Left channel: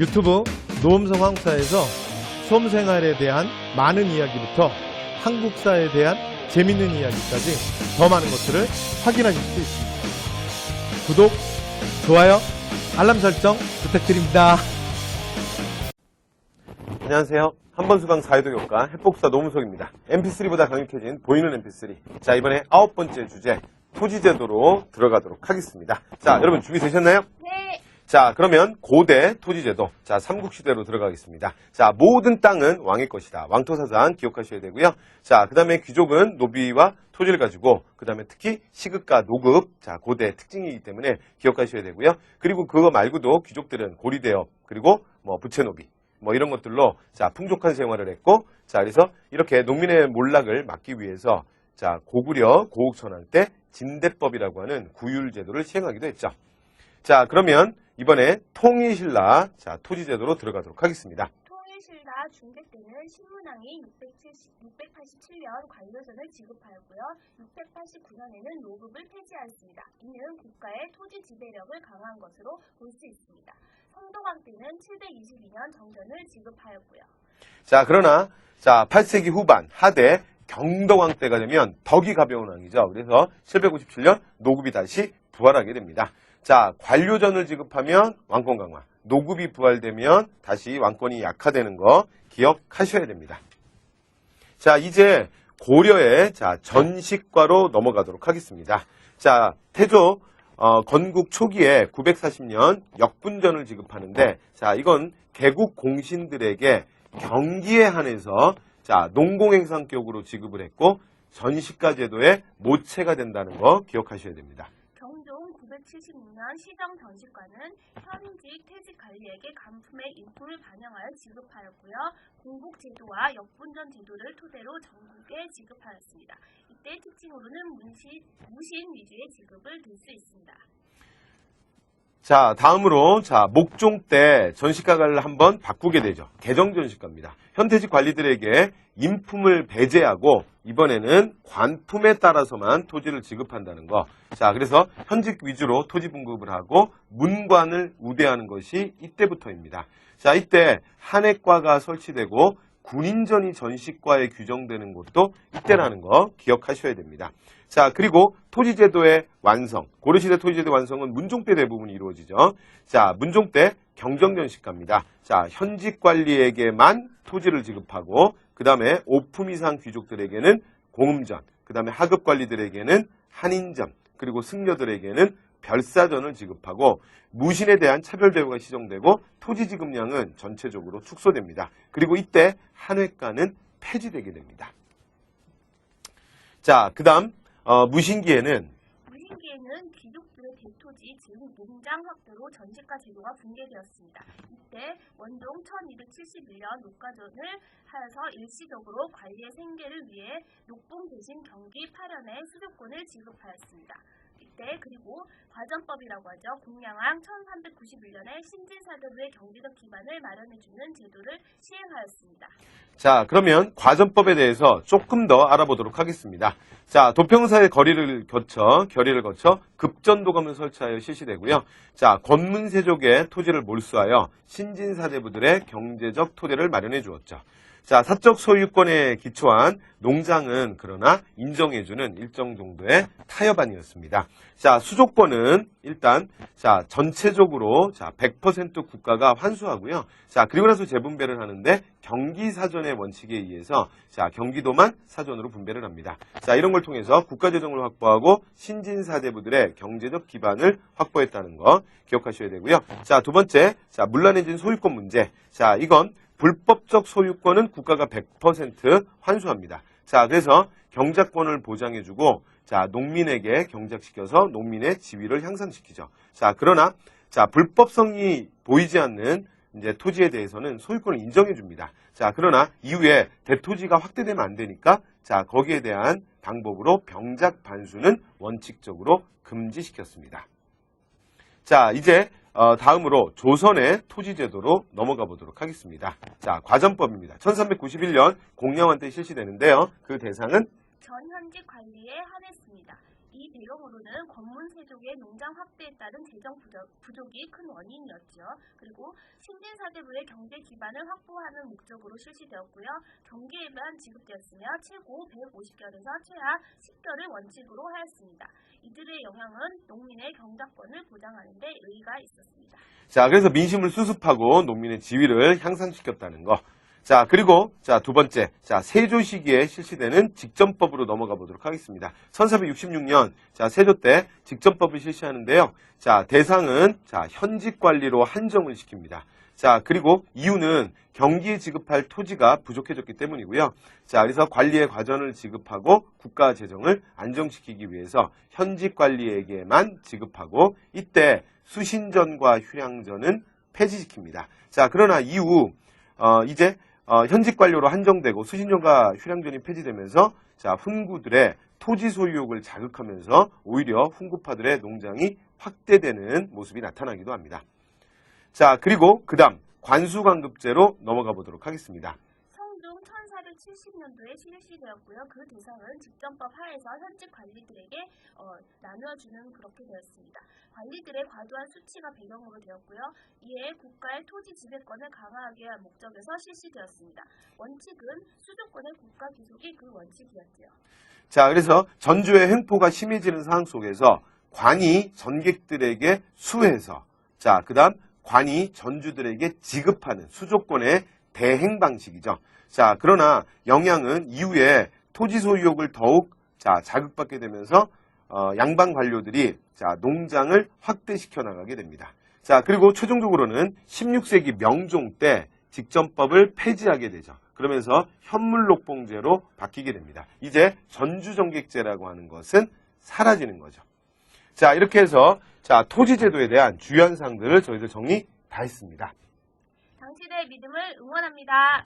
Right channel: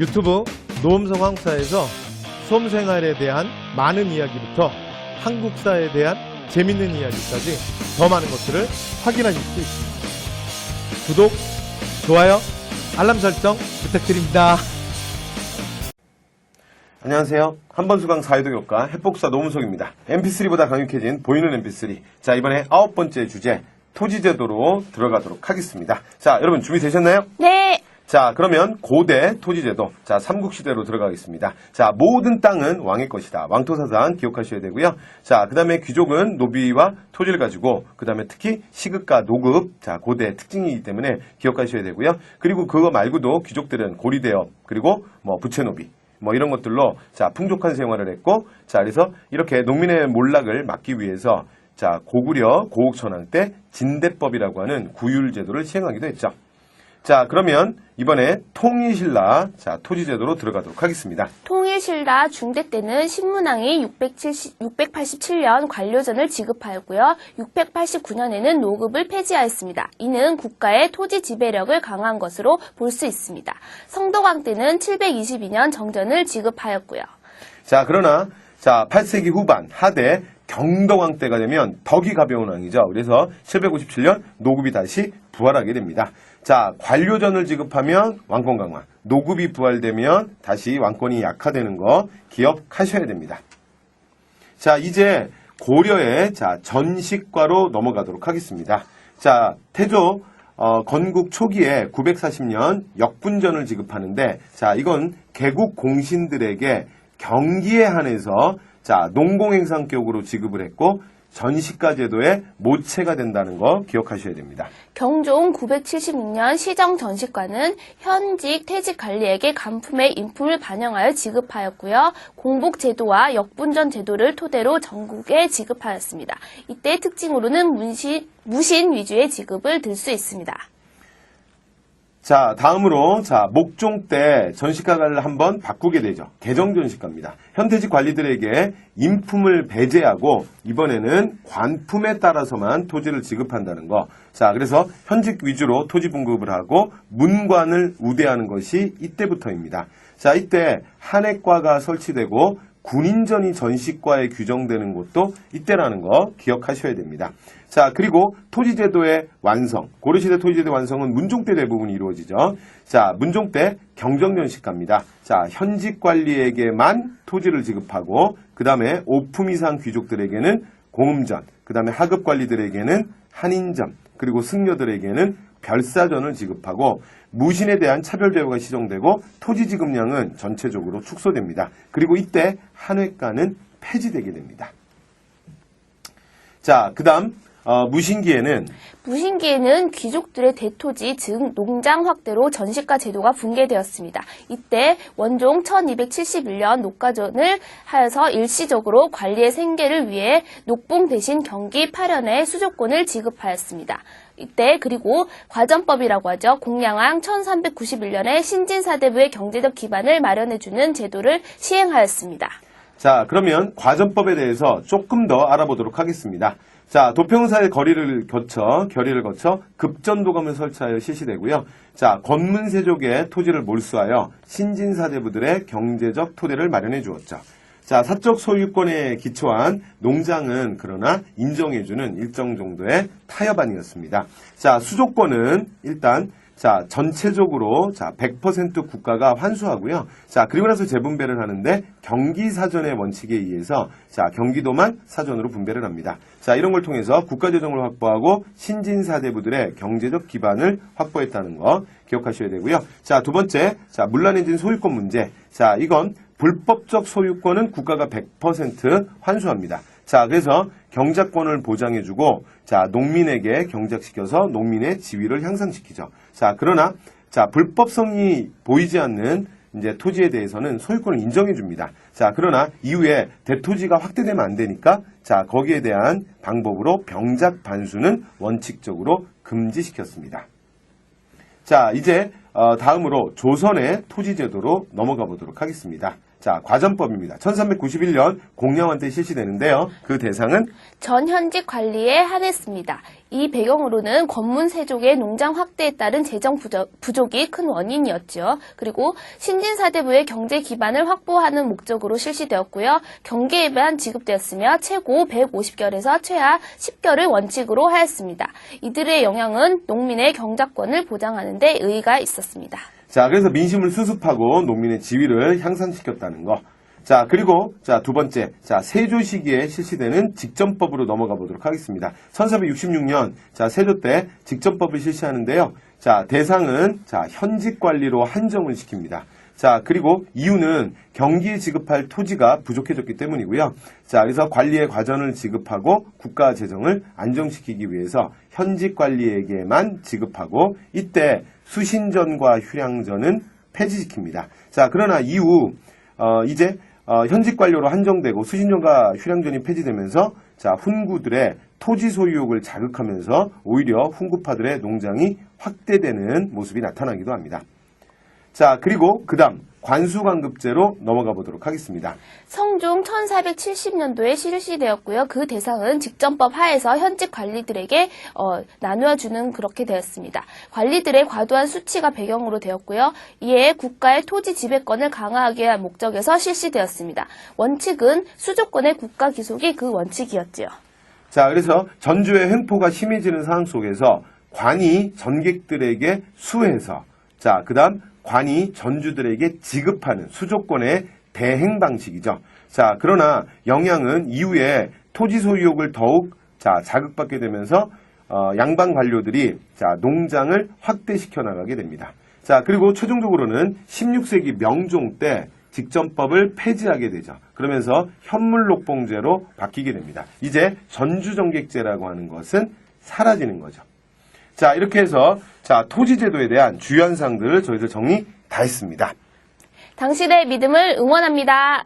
유튜브 노음성황사에서 수험생활에 대한 많은 이야기부터 한국사에 대한 재밌는 이야기까지 더 많은 것들을 확인하실 수 있습니다. 구독, 좋아요, 알람 설정 부탁드립니다. 안녕하세요. 한번수강 사회도교과 핵복사 노문석입니다. MP3보다 강력해진 보이는 MP3. 자, 이번에 9번째 주제 토지제도로 들어가도록 하겠습니다. 자, 여러분 준비되셨나요? 네. 자, 그러면 고대 토지제도. 자, 삼국시대로 들어가겠습니다. 자, 모든 땅은 왕의 것이다. 왕토사상 기억하셔야 되고요. 자, 그 다음에 귀족은 노비와 토지를 가지고, 그 다음에 특히 시급과 노급, 자, 고대 특징이기 때문에 기억하셔야 되고요. 그리고 그거 말고도 귀족들은 고리대업, 그리고 부채노비, 이런 것들로, 자, 풍족한 생활을 했고, 자, 그래서 이렇게 농민의 몰락을 막기 위해서, 자, 고구려 고국천황 때 진대법이라고 하는 구율제도를 시행하기도 했죠. 자, 그러면 이번에 통일신라, 자, 토지제도로 들어가도록 하겠습니다. 통일신라 중대 때는 신문왕이 687년 관료전을 지급하였고요. 689년에는 노급을 폐지하였습니다. 이는 국가의 토지 지배력을 강화한 것으로 볼 수 있습니다. 성도광 때는 722년 정전을 지급하였고요. 자, 그러나, 자, 8세기 후반, 하대, 경덕왕 때가 되면 덕이 가벼운 왕이죠. 그래서 757년 노급이 다시 부활하게 됩니다. 자, 관료전을 지급하면 왕권 강화, 노급이 부활되면 다시 왕권이 약화되는 거 기억하셔야 됩니다. 자, 이제 고려의 전식과로 넘어가도록 하겠습니다. 자, 태조 건국 초기에 940년 역분전을 지급하는데, 자, 이건 개국 공신들에게 경기에 한해서 농공행상격으로 지급을 했고 전시가 제도의 모체가 된다는 거 기억하셔야 됩니다. 경종 976년 시정 전시과는 현직 퇴직 관리에게 간품의 인품을 반영하여 지급하였고요. 공복 제도와 역분전 제도를 토대로 전국에 지급하였습니다. 이때 특징으로는 무신 위주의 지급을 들 수 있습니다. 자, 다음으로, 목종 때 전시가를 한번 바꾸게 되죠. 개정 전시가입니다. 현대직 관리들에게 인품을 배제하고, 이번에는 관품에 따라서만 토지를 지급한다는 거. 자, 그래서 현직 위주로 토지 분급을 하고, 문관을 우대하는 것이 이때부터입니다. 자, 이때 한해과가 설치되고, 군인전이 전시과에 규정되는 것도 이때라는 거 기억하셔야 됩니다. 자, 그리고 토지제도의 완성. 고려시대 토지제도 완성은 문종 때 대부분 이루어지죠. 자, 문종 때 경정년식가입니다. 자, 현직 관리에게만 토지를 지급하고, 그 다음에 5품 이상 귀족들에게는 공음전, 그 다음에 하급 관리들에게는 한인전, 그리고 승려들에게는 별사전을 지급하고, 무신에 대한 차별제도가 시정되고, 토지 지급량은 전체적으로 축소됩니다. 그리고 이때 한회가는 폐지되게 됩니다. 자, 그 다음 무신기에는 귀족들의 대토지, 즉 농장 확대로 전시가 제도가 붕괴되었습니다. 이때 원종 1271년 녹가전을 하여서 일시적으로 관리의 생계를 위해 녹봉 대신 경기 8년의 수조권을 지급하였습니다. 이때 그리고 과전법이라고 하죠. 공양왕 1391년에 신진사대부의 경제적 기반을 마련해주는 제도를 시행하였습니다. 자, 그러면 과전법에 대해서 조금 더 알아보도록 하겠습니다. 자, 도평사의 결의를 거쳐 급전도감을 설치하여 실시되고요. 자, 권문세족의 토지를 몰수하여 신진사대부들의 경제적 토대를 마련해 주었죠. 자, 사적 소유권에 기초한 농장은 그러나 인정해주는 일정 정도의 타협안이었습니다. 자, 수조권은 일단 전체적으로 100% 국가가 환수하고요. 자, 그리고 나서 재분배를 하는데 경기사전의 원칙에 의해서 경기도만 사전으로 분배를 합니다. 자, 이런 걸 통해서 국가재정을 확보하고 신진사대부들의 경제적 기반을 확보했다는 거 기억하셔야 되고요. 자, 두 번째, 문란해진 소유권 문제. 자, 이건 불법적 소유권은 국가가 100% 환수합니다. 자, 그래서 경작권을 보장해주고, 농민에게 경작시켜서 농민의 지위를 향상시키죠. 자, 그러나, 불법성이 보이지 않는 이제 토지에 대해서는 소유권을 인정해줍니다. 자, 그러나 이후에 대토지가 확대되면 안 되니까, 거기에 대한 방법으로 병작 반수는 원칙적으로 금지시켰습니다. 자, 이제 다음으로 조선의 토지제도로 넘어가 보도록 하겠습니다. 자, 과전법입니다. 1391년 공양왕 때 실시되는데요. 그 대상은 전현직 관리에 한했습니다. 이 배경으로는 권문세족의 농장 확대에 따른 재정 부족이 큰 원인이었죠. 그리고 신진사대부의 경제 기반을 확보하는 목적으로 실시되었고요. 경계에만 지급되었으며 최고 150결에서 최하 10결을 원칙으로 하였습니다. 이들의 영향은 농민의 경작권을 보장하는 데 의의가 있었습니다. 자, 그래서 민심을 수습하고 농민의 지위를 향상시켰다는 거. 자, 그리고, 자, 두 번째. 자, 세조 시기에 실시되는 직전법으로 넘어가 보도록 하겠습니다. 1466년, 자, 세조 때 직전법을 실시하는데요. 자, 대상은, 자, 현직 관리로 한정을 시킵니다. 자, 그리고 이유는 경기에 지급할 토지가 부족해졌기 때문이고요. 자, 그래서 관리의 과전을 지급하고 국가 재정을 안정시키기 위해서 현직 관리에게만 지급하고 이때 수신전과 휴량전은 폐지시킵니다. 자, 그러나 이후 이제 현직 관료로 한정되고 수신전과 휴량전이 폐지되면서 자, 훈구들의 토지 소유욕을 자극하면서 오히려 훈구파들의 농장이 확대되는 모습이 나타나기도 합니다. 자, 그리고 그다음 관수관급제로 넘어가 보도록 하겠습니다. 성종 1470년도에 실시되었고요. 그 대상은 직전법 하에서 현직 관리들에게 나누어주는 그렇게 되었습니다. 관리들의 과도한 수치가 배경으로 되었고요. 이에 국가의 토지 지배권을 강화하기 위한 목적에서 실시되었습니다. 원칙은 수조권의 국가 기속이 그 원칙이었지요. 자, 그래서 전조의 횡포가 심해지는 상황 속에서 관이 전객들에게 수해서 자, 그다음 관이 전주들에게 지급하는 수조권의 대행 방식이죠. 자, 그러나 영향은 이후에 토지 소유욕을 더욱 자극받게 되면서 양반 관료들이 농장을 확대시켜 나가게 됩니다. 자, 그리고 최종적으로는 16세기 명종 때 직전법을 폐지하게 되죠. 그러면서 현물록봉제로 바뀌게 됩니다. 이제 전주정객제라고 하는 것은 사라지는 거죠. 자, 이렇게 해서 토지제도에 대한 주요한 사항들을 저희들 정리 다 했습니다. 당신의 믿음을 응원합니다.